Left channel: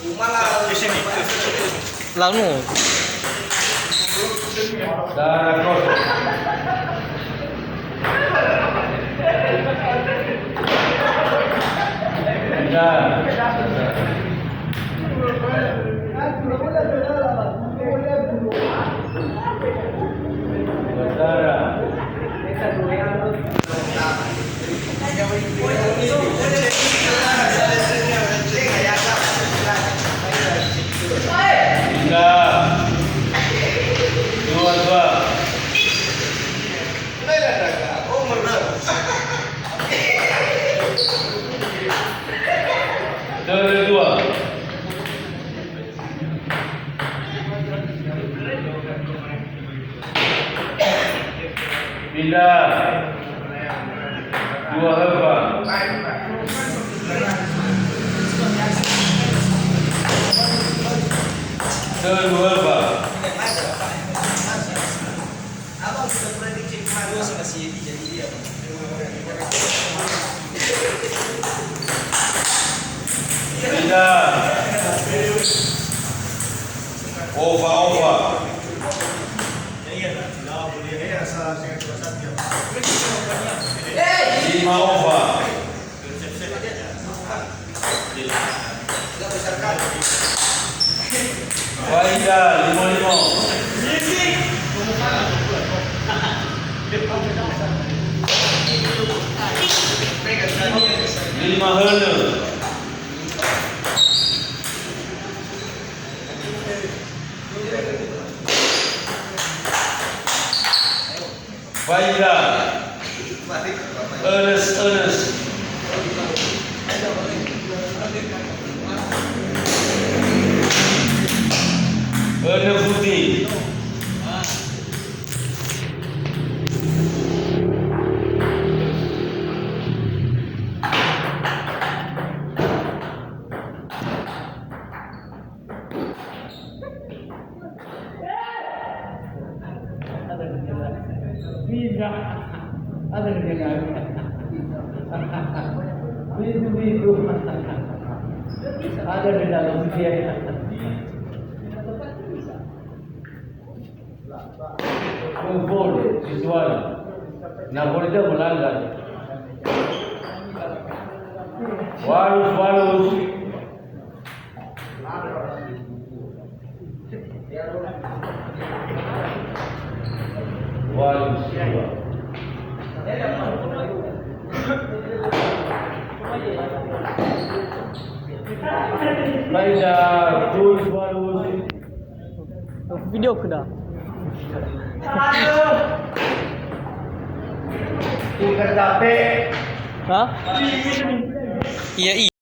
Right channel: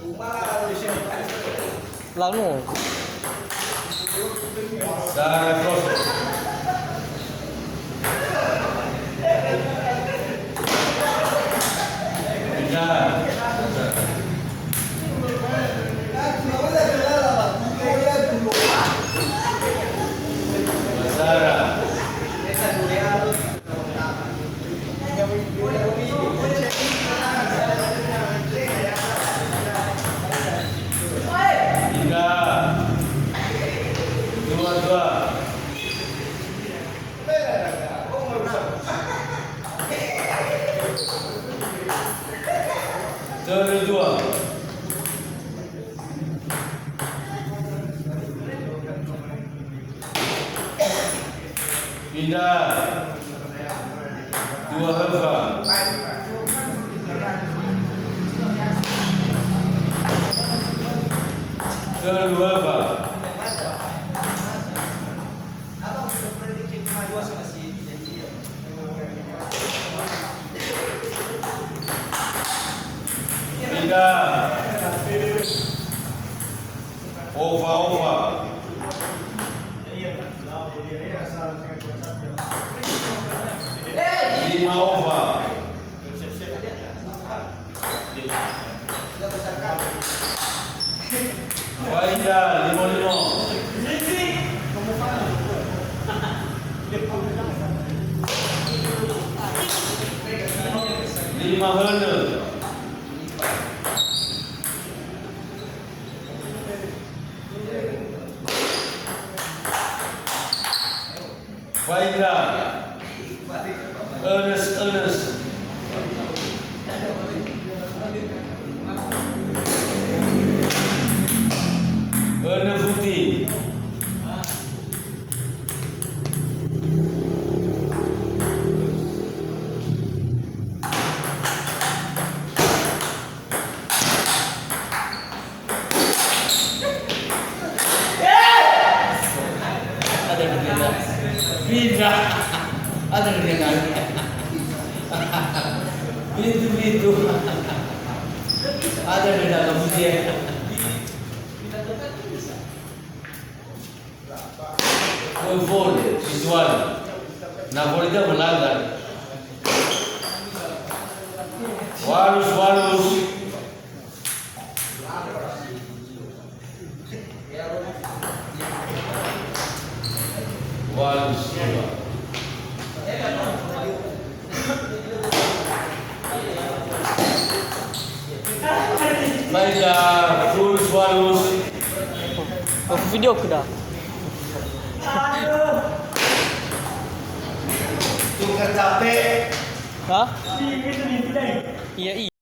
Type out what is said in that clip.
Di sini. Lalu. Darah kosong. Basara. Dua. Kedua. Pindah. Dua Helva. Kedua Helva. Pindah. Ova. Lima Ova. Faida 55. Lima Herne. Faida. Ernest. Erne Putih. Bisa. Ada yang kali. Itu. Ada di dalam museum. Gol visual. Napoli itu melanggar. Walus. Faida full Walus. Video ko dah. Bukan capek. Hah? Iya.